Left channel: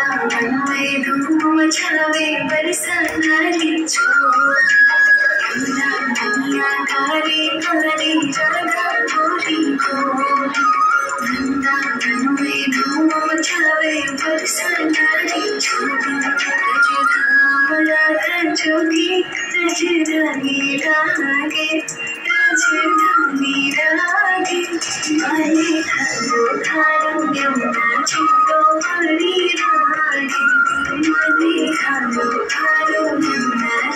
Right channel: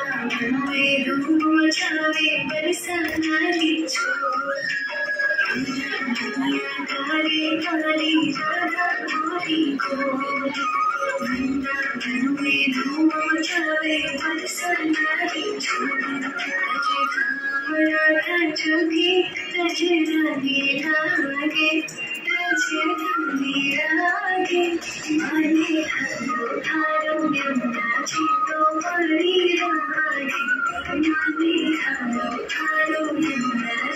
वृंदावन में धूम मचावे बरसाना की छोड़। यमुना मैया काली काली राधा गोरी को, वृंदावन में धूम मचावे बरसाना की छोड़। रज धाम राधा जोगी रज धानी रागे, राजधानी रागे। माले थारो थारो यमुना चितो बड़ी रागे, माले थारो थारो यमुना